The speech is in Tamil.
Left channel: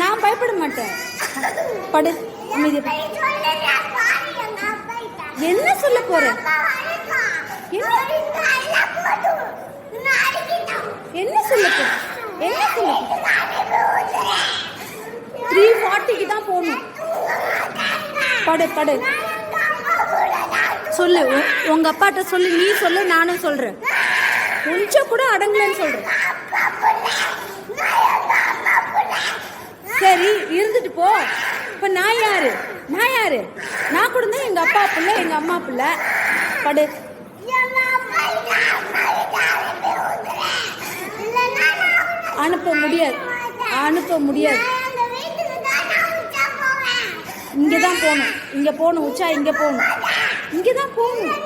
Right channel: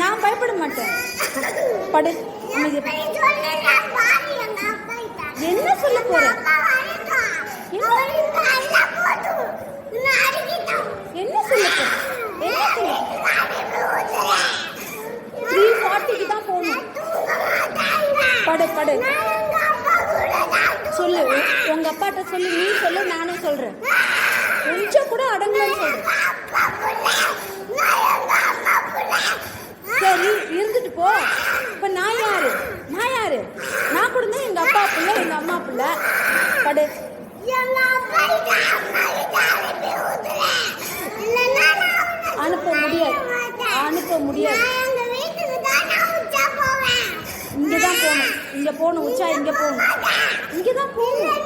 நான் பயப்பட மாட்டேன். படு. என்ன சொல்ல போற? என்ன சொல்ல போற? 3:40க்கு தான் போகணும். படு. சொல்லு, உங்க அப்பாட்ட சொல்லு. நீ சொல்லு, நானும் சொல்றேன். கொஞ்சம் கூட அடங்கலன்னு சொல்றேன். சரி, இருந்துட்டு போ. இப்ப நான் யாரு? நான் கூட தான் எங்க அப்பா பிள்ளை, எங்க அம்மா பிள்ளை. படு. அனுப்ப முடியாது. இங்கதான் போகணும். உச்சா இங்க போகணும். இங்கதான் போகணும்.